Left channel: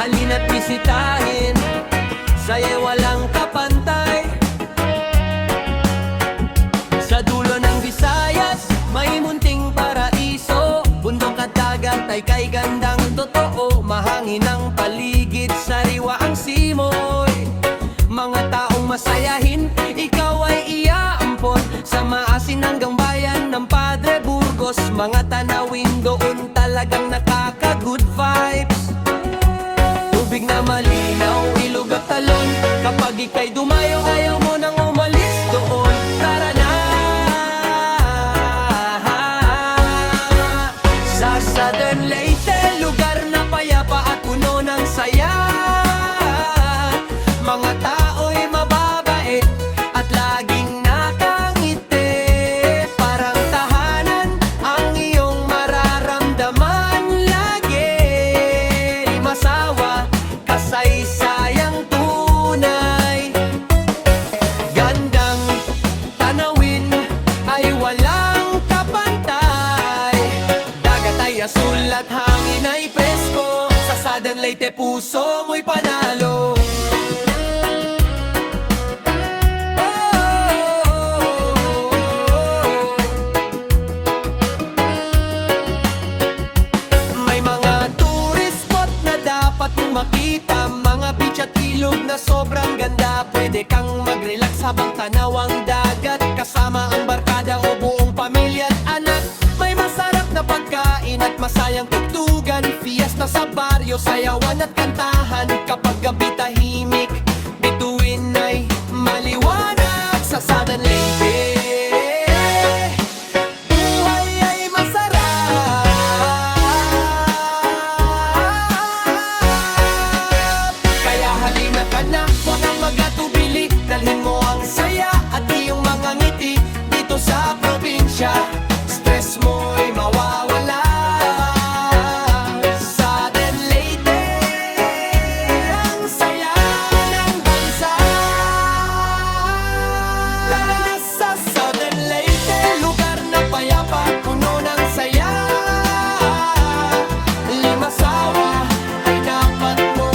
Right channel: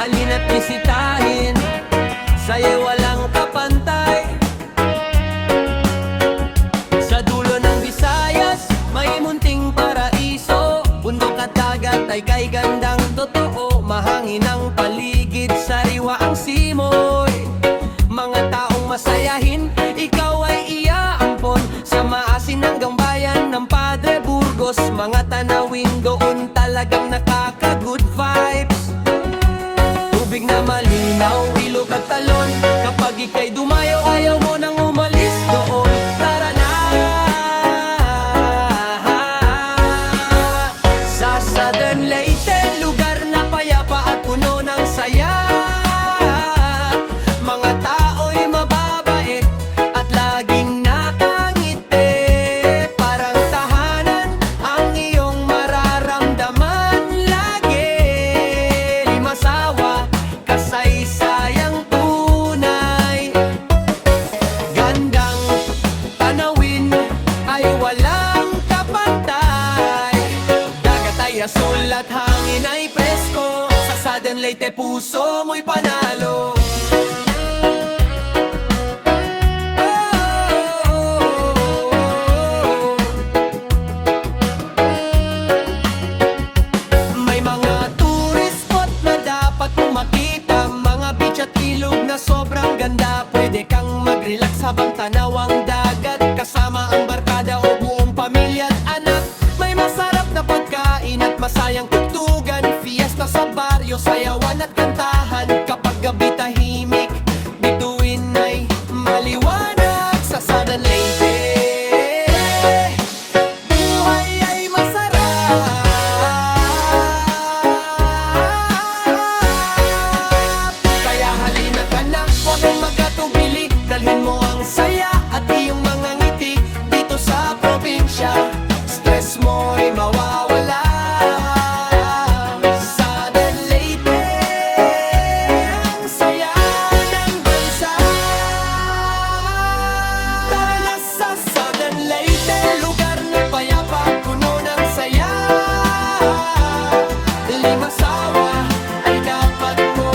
halina't bisitahin, sa'yo'y walang kapantay. Sa dulo ng Visayas, may munting paraiso, bundok at dagat ay kay gandang totoo. Mahangin ang paligid, sariwa ang simoy, mga taong masayahin, ikaw ay iaampon. Sa maasin hanggang bayan ng Padre Burgos, mga tanawin doon talagang nakaka-good vibes. Tubig na malinaw, ilog at talon, kapag ika'y dumayo ayaw mo nang umalis doon. Tara na! Sa Southern Leyte, lugar na payapa at puno ng saya. Mga tao'y mababait at laging nakangiti, parang tahanan ang iyong mararamdaman lagi. Limasawa, kasaysayang tunay, gandang tanawin ay walang kapantay. Dagat ay asul at hangin ay presko, sa Southern Leyte puso mo'y panalo. Dapat mong makita mga beach at ilog na sobrang ganda. Pwede kang mag-relax habang tanaw ang dagat, kasama ang barkada o buong pamilya at anak. May masarap na pagkain at masayang tugtugan, fiesta sa baryo, sayawan at kantahan. Kapag gabi tahimik, bituin ay maliwanag. Sa Southern Leyte huwag ang magatubili, dalhin mo ang saya at iyong mga ngiti. Dito sa probinsya, stress mo'y mawawala. Southern Leyte, ang saya ng bansa. Tara na sa Southern Leyte, lugar na payapa, puno ng saya. Limasawa ay dapat mo